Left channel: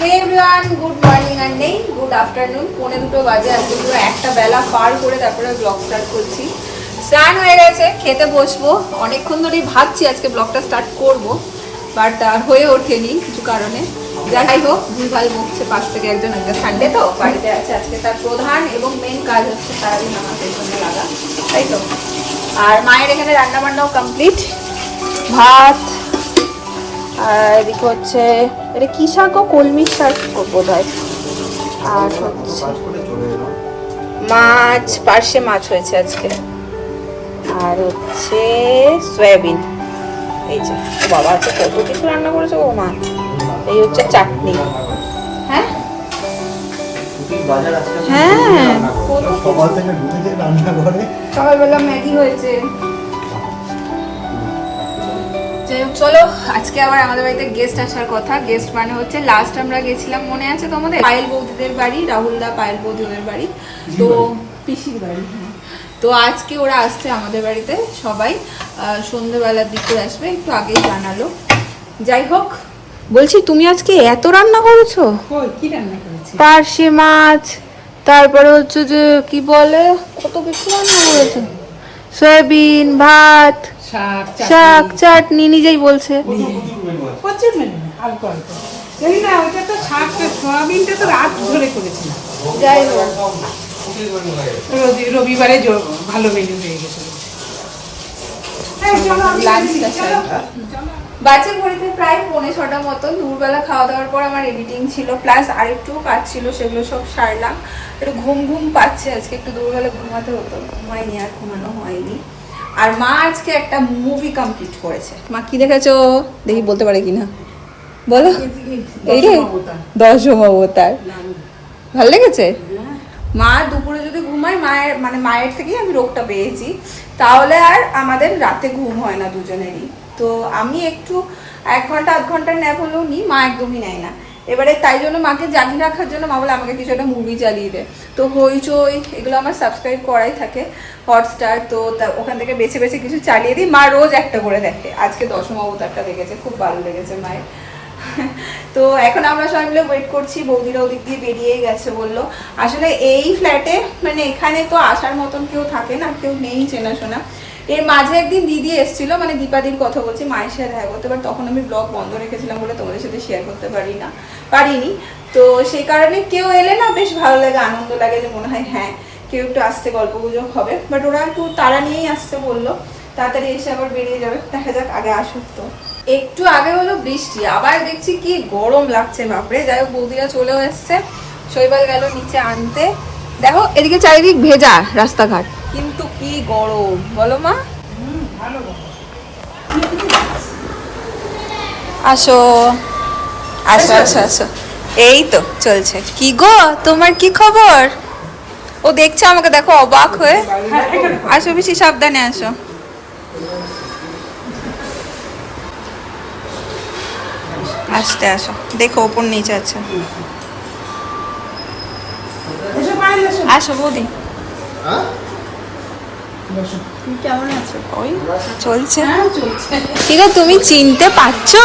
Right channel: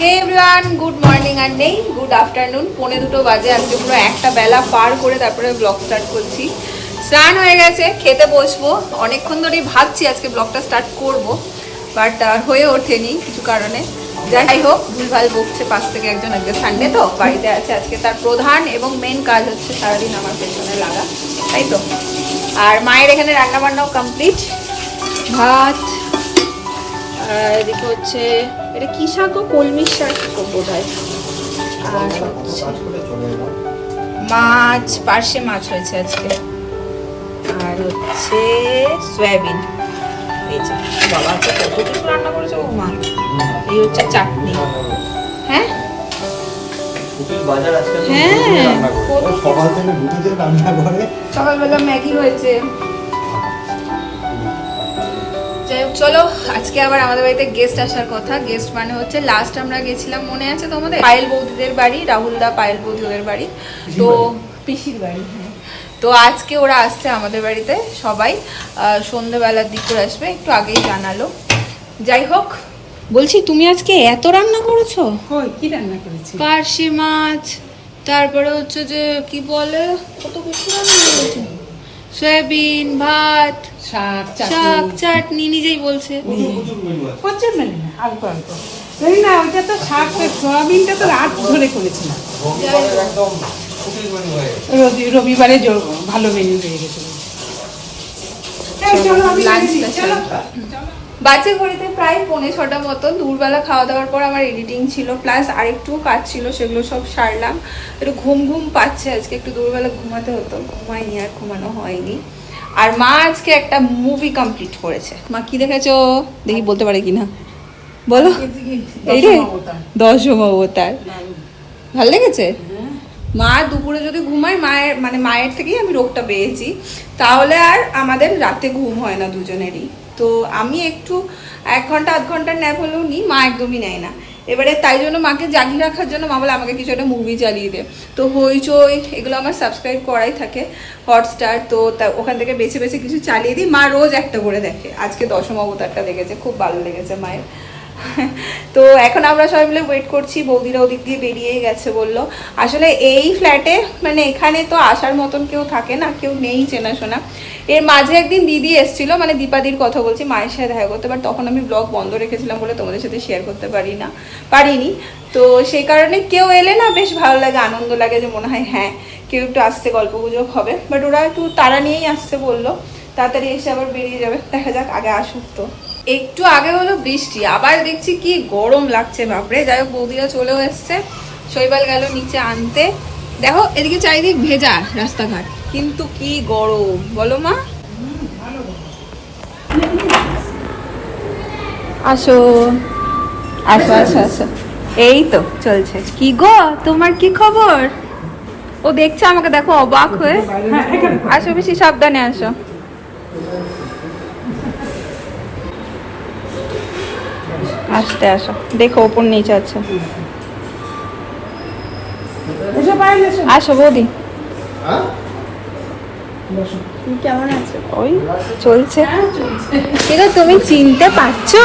হে everyone, good morning আর নেই good afternoon. 1:45 বাজে। আজকে পুরো একটা বেলা পার করে তারপরে ব্লগ স্টার্ট করছি। স্নান হয়ে গেছে, খেতে বসবো। অনেকক্ষণ ধরেই ভাবছি আজকে ব্লগটা স্টার্ট করব, বাট হয়ে ওঠেনি কিছু কারণে। যাই হোক, ভুলভাল বকছে পাশ থেকে একজন। আজকে সানডে তো বাড়িতে আছে। আজকে তার প্রধান এবং মেন কাজ হচ্ছে সারাদিন আমার পেছনে লাগা, তাই তো। আর মায়ের এখানে রান্না বান্নাও কমপ্লিট। ভাত, আর এদিকে হচ্ছে এটা কি শাক, কলমি শাক বোধ হয়। আর হচ্ছে মাছ, পার্শে মাছ হয়েছে আজকে। আর হচ্ছে সয়াবিন। এই যে বাবা আজকে কত কিছু রান্না করেছে ও মা। এই হচ্ছে চাটনি। হ্যাঁ হ্যাঁ, সকালবেলা ম্যাগি হয়েছে। যাই হোক, চলো আজকে আবার আমাদের বাড়িতে গেস্ট আসার কথা। গেস্ট মানে হচ্ছে লাস্ট আমরা গেছিলাম, মনে আছে তোমাদের, পায়েল বৌদিদের বাড়ি, রাহুলদা পায়েল বৌদি ওদের বাড়ি, তো পিসির বাড়ি। হ্যাঁ, তো আজকে ওরা আসছে আমাদের বাড়িতে সবাই। সন্ধ্যেবেলার দিক করে আসবে, একটু আগেই জানালো। যাই হোক, বলছি তুমি আজকে এত রান্না করেছো? পার্শে মাছ, তারপরে হচ্ছে যে কি বলে কত কিছু রান্না করেছো, সয়াবিন, ভাত, শাক, চাটনি, নিজেই বলছে। রবিবারে ভালো মেনু পেয়ে গেছে। বাচ্চার ঘড়িতে প্রায় 5:45 মতন। দুপুরবেলা খাওয়া দাওয়ার পর আমার এডিটিং ছিল, প্লাস আরেকটু কাজ ছিল, সেগুলো সব সারলাম। একটু ঘুম ঘুম পাচ্ছে আজকে, একটু দুপুরবেলা ঘুমাতে হতো, ঘুমাইনি, আর ঘুমানো হয়নি। আর মা আজকে একটা মুভি কমপ্লিট করেছে। মা কি দেখেছো দেখি, বলতে পারে কিনা বলো। এই রে 10 অবতার, ভালো লেগেছে? মা দুপুরে যদি ঘুমায়, মায়ের থেকেই আমি রোগটা পেয়েছি, তাহলে আর আমাদের রাতে ঘুম হয় না দুজনেরই। তো আমি একটু 1 ঘন্টা 8 ঘন্টার ন্যাপ হলেও নিই, মা একদমই নেয় না। এবারে তাই জন্য মাকে জাগিয়ে রাখার জন্য মা বলে আমাকে কিছু একটা মুভি চালিয়ে দে। তো হইচই এগুলো আমার সাবস্ক্রাইব করাই থাকে, হটস্টার, তো ওখান থেকে বেছে বেছে কিছু চালিয়ে দিই। মা রোজ একটা করে দেখে। আজকে 10 অবতারটা দেখেছে, খুব ভালো লেগেছে মায়ের। তো এখন আমরা সবাই মিলে ওয়েট করছি। বৌদিরা ওদিক দিয়ে বেরিয়েই গেছে বললো। আসলে এই ফ্ল্যাটে মানে এখানে তো আসার মতন কেউ থাকে না, কেউ নেই চেনাশোনা। এর মাঝে একদিন দিদি এসেছিল, মানে দীপাদির কথা বলছি, মায়ের সাথে দেখা করতে, বাট তখন আমি ব্লগ বন্ধ রেখেছিলাম বলে তোমাদের সাথে শেয়ার করতে পারিনি। তো সেই কারণে কেউ এলে না বেশ ভালো লাগে, আনন্দ লাগে, যে মনে হয় হ্যাঁ কেউ একটু আসতে গল্প গুজব হবে। বাট ওরা একটু তাড়া নিয়েই আসতে বললো, তাড়াতাড়ি এসে আবার বেরিয়ে যাবে। দেখা যাক, আগে আসুক তো। একটু আগে হলো বৃষ্টি, আবার দেখছি কি গরম লাগছে বাপরে। যাই হোক, বৌদিরা চলেও এসছে, শৈবাল গেল নিচে আনতে। দেখো এদিকে চারিদিক ভেজা রাস্তাঘাট, কিন্তু কি গরম বলো মা। আসো আসো আসো আসো, এই তো চলছে। কি গো তোমার কি খবর? ও দেখছো আমাকে, দেখো অবাক হয়ে। আসো বেশি সাবধানে আসো। আসতে আসো, দেখো ওপর নিচে আছে। আসো বৌদি, কেমন আছো? ওই চলছে। ঠিক আছে, তুমি চিনতে পারছো?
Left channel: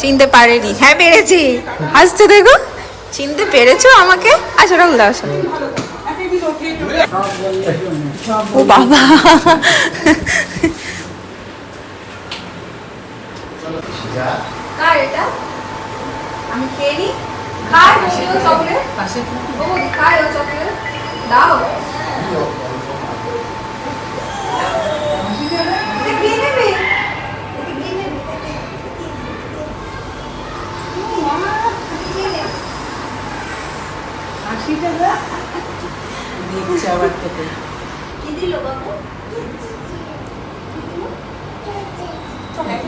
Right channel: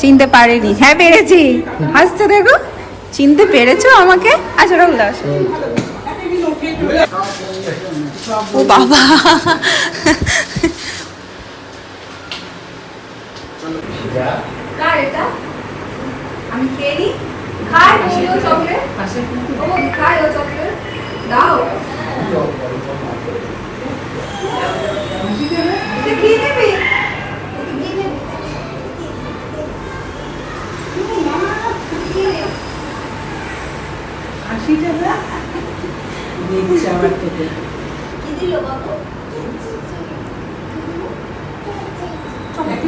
চিনতে পারেনি? হ্যাঁ পেরেছি, হাসছো দেখো। চিনতে পেরেছো আমাকে? আসো রাহুল দা, আসো। ও বাবা, আমি খেয়ে খাই চকলেট। ও খাই ও চকলেট দাও।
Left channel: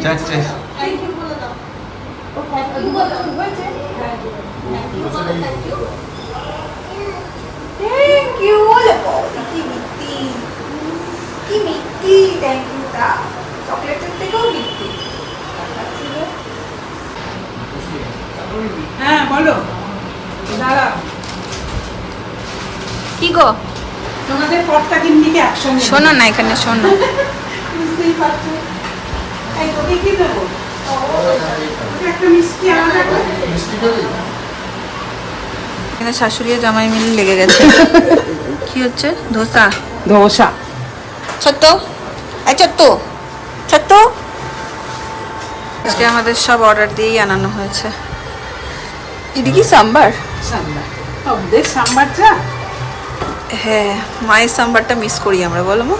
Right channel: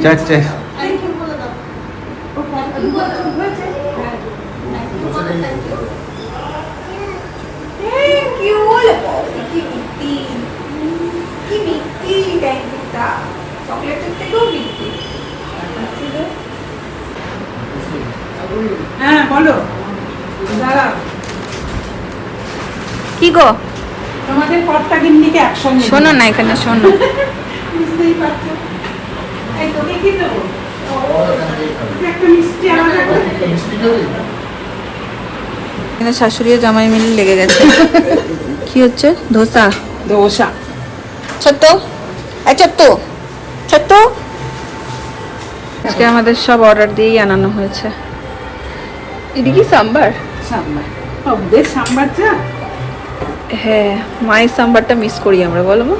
চারটে Thank you. কি মিষ্টি, থ্যাংক ইউ। চকলেটের থেকেও মিষ্টি। হ্যাঁ বলো। দাঁড়া, কি গো তোমাদের কর্তা গিন্নিকে একসঙ্গে শোনো না, এখানে শোনো। বুঝতেই পারছো। এই তোকে কি দেবো? একটা মিষ্টি আলাদা করে। এখানে শাশুড়ি আর জামাই মিলে লেগে গেছে। কি হচ্ছে? ধোসা। ধোসা। ছোট্ট ছোট্ট ছোট্ট আজকে আমাদের সব অর্ডার দিয়েই আনানো হয়েছে। এটা কি সাম্বার? সাম্বার। ওদের সাম্বার চা। হ্যাঁ, মায়ের সাম্বারটা মিস করি আমরা, বলো মা।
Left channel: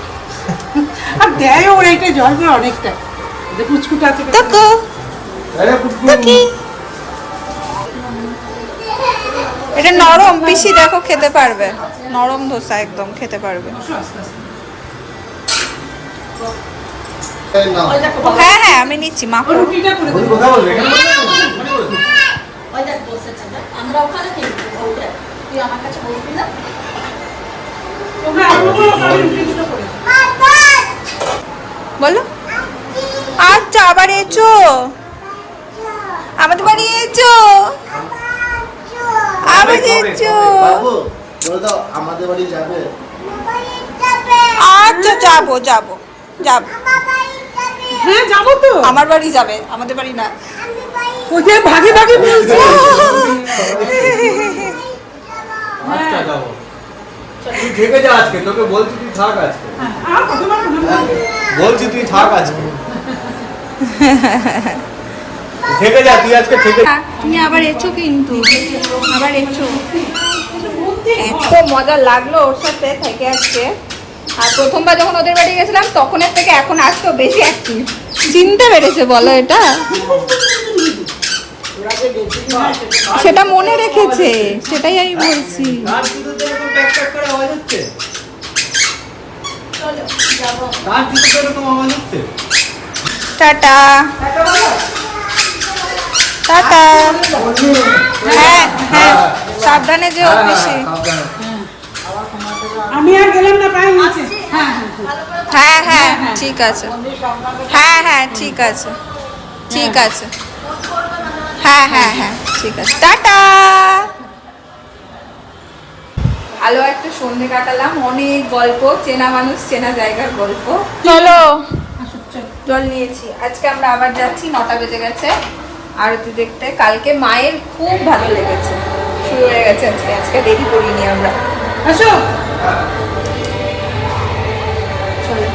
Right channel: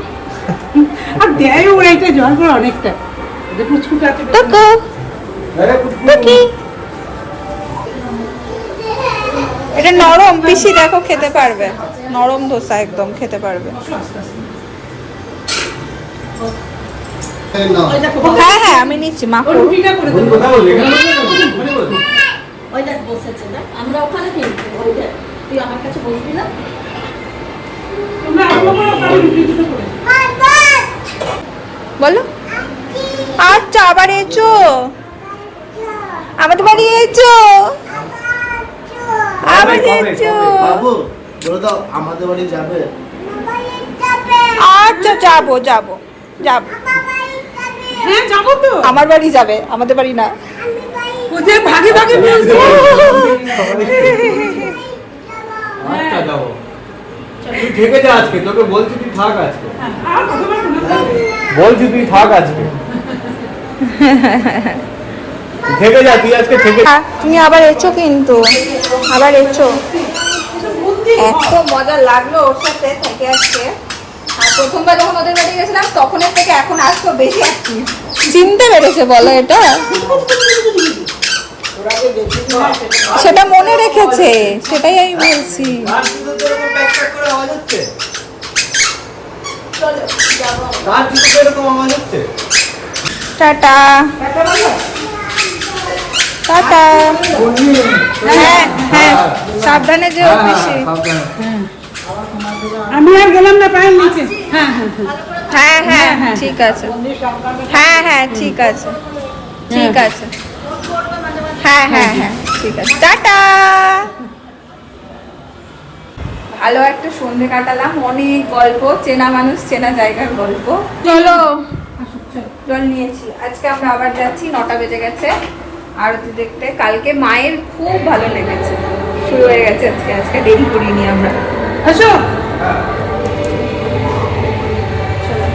আর দেয় ওরা একটা জল করে অনেকটা। ওদের পুচকুটা আছে। দেখো দেখি, এটা নরম পিসি, দেখো খেতে পারবে, নরম ধোসা একদম খেতে পারবে। হ্যাঁ হ্যাঁ আমি নিচ্ছি, মা করুন। রুটিটা করে দেবো। ওই দেখ বসেছে না, আমরা ওখানে কিনবো ওই দেখ, তুই আমার কাছে বসবি না? তোমরা আমাকে ওখানে রুটিটা করে দেবো। বলো। আচ্ছা, আবার এসো, আমাদের বাড়ি এসো, আবার এসো। বাবু বলে দাও আমাদের বাড়ি যাবে। আচ্ছা, যাবো যাবো যাবো। হ্যাঁ যাবো তো। আমার বাড়ি যাবে, আমাদের বাড়ি না। ওদের ভাগে ভাগে বলছে। আচ্ছা যাবো, তুই থেকে যা আজকে, তোকে বলছি তুই থাক আজকে, বলছি তুই থাক আজকে, থেকে যা তুই আজকে থেকে। তুমি আবার এসো, কিন্তু আবার এসো। এত মজা লাগলো ওর সাথে থেকে আজকে। আর প্রথমবার যখন ওদের বাড়ি গেছিলাম তখনের থেকে এখন আসতো বেশি অ্যাক্টিভ। চিনতে পেরেছে বলো এটা? সেটা মনে রেখেছে, সেটাই আমি বলছি। গান শুনতে এরকম ট্যাক করে আওয়াজ হচ্ছে, গান শুনতে এরকম আওয়াজ হচ্ছে। Tata tata. হ্যাঁ হ্যাঁ, সাবধানে যেও পিসি। আমি আর গেলাম না পায়ের নিচে। হ্যাঁ হ্যাঁ হ্যাঁ হ্যাঁ ঠিক আছে, হ্যাঁ হ্যাঁ ঠিক আছে, ঠিক আছে, হ্যাঁ হ্যাঁ হ্যাঁ ঠিক আছে, টাটা। ভালো একটা সন্ধে কাটালাম, অনেক গল্প, চেনা মানুষ চেনা জায়গার গল্প। চলো, জল নিয়েছি। আজকে আমরা আবার যাচ্ছি, 9টা বেজে গেছে আরতি দেখতে। কালকে মায়ের খুব ভালো লেগেছে, শুরু হয়ে গেছে আজকে। আজকে দেরি করিনি আমরা। আসো। চলো।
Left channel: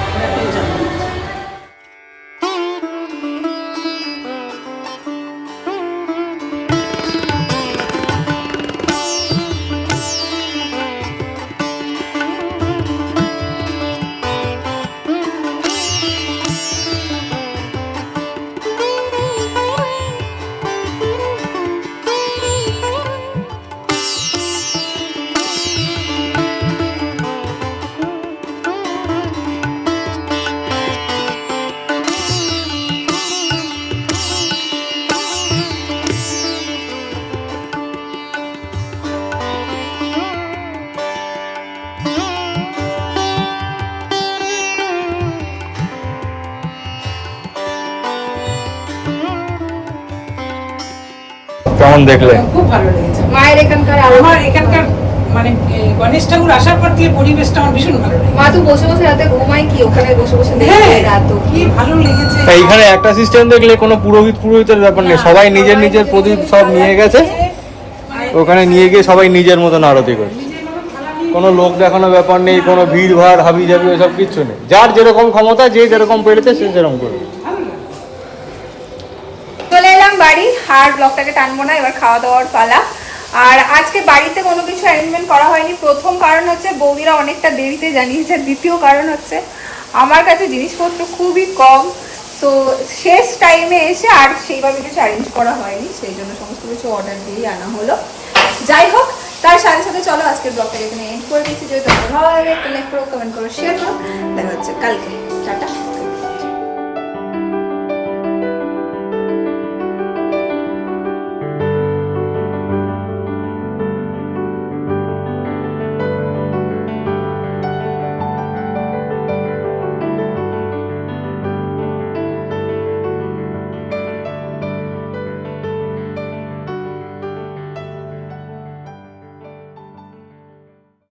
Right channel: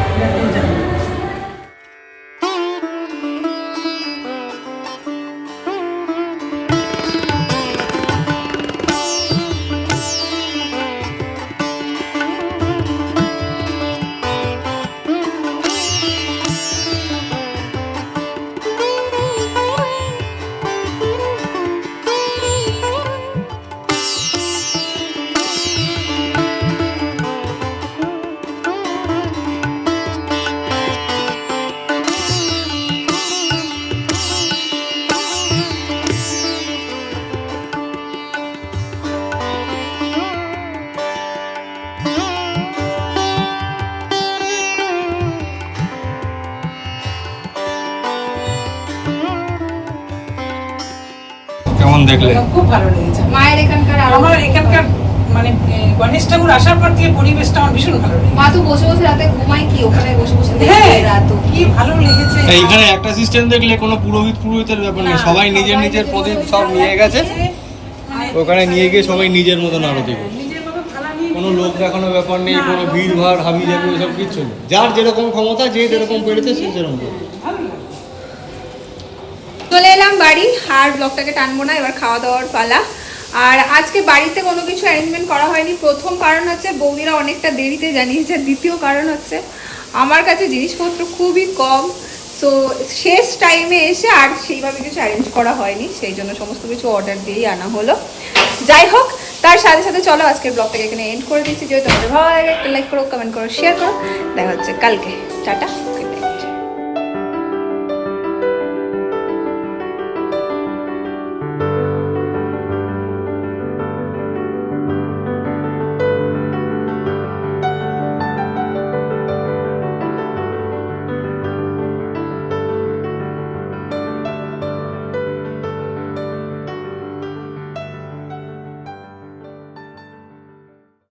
কেমন দেখলে? খুব ভালো লেগেছে। মায়ের এখানকার আমার এখানকার মানে গণেশ ঠাকুর আসার পর থেকে পরিবেশটা আমার ভীষণ ভালো লেগেছে। মা তো বসে বসে রাতে ঘুমায় কি, ওখানে বসে বসে দেখবে না তো? কি ভালো লেগেছে। এইখানে একটা সিস্টেম দেখলে কোনো পুরোহিতের ব্যাপার নেই, সবাই নিজের নিজের প্রদীপ সব নিয়ে গেছে, ওখানে নিয়ে গিয়ে সবাই নিজের মতন আরতি করে। কোনো লোক দেখানো ব্যাপার নেই, কোনো ভিড় ভাড় হাবি জাবি ওসব কিচ্ছু নেই। যার যেরকম ক্ষমতা, যে যেরকম পেরেছে সে সেরকম করবে। চলে এলাম বাড়ি, আর ব্লগটাকে টানবো না, এবার খাওয়া দাওয়ার পালা। আর আজকে বাড়িতে কোনো কিছু অ্যারেঞ্জমেন্ট করা হয়নি। প্রথম কারণ হচ্ছে বৌদিরা অনেকটা দেরিতে জানিয়েছে, দ্বিতীয় কারণ হচ্ছে আমার কাছে জিনিসপত্র খুবই কম, সো শেষ টাইমে এসে আর সেইভাবে কিছু অ্যারেঞ্জ করা হয়নি, সেই জন্য সমস্ত কিছু অর্ডার দিয়েই আনা হলো। যাই হোক, তার সাথে সাথে চলো আজকের ব্লগটাকে এখানে এন্ড করে দিচ্ছি। যদি তোমাদের ভালো লাগে একটা লাইক করো, কমেন্ট করো, শেয়ার করো। দেখা হচ্ছে কালকে। টাটা।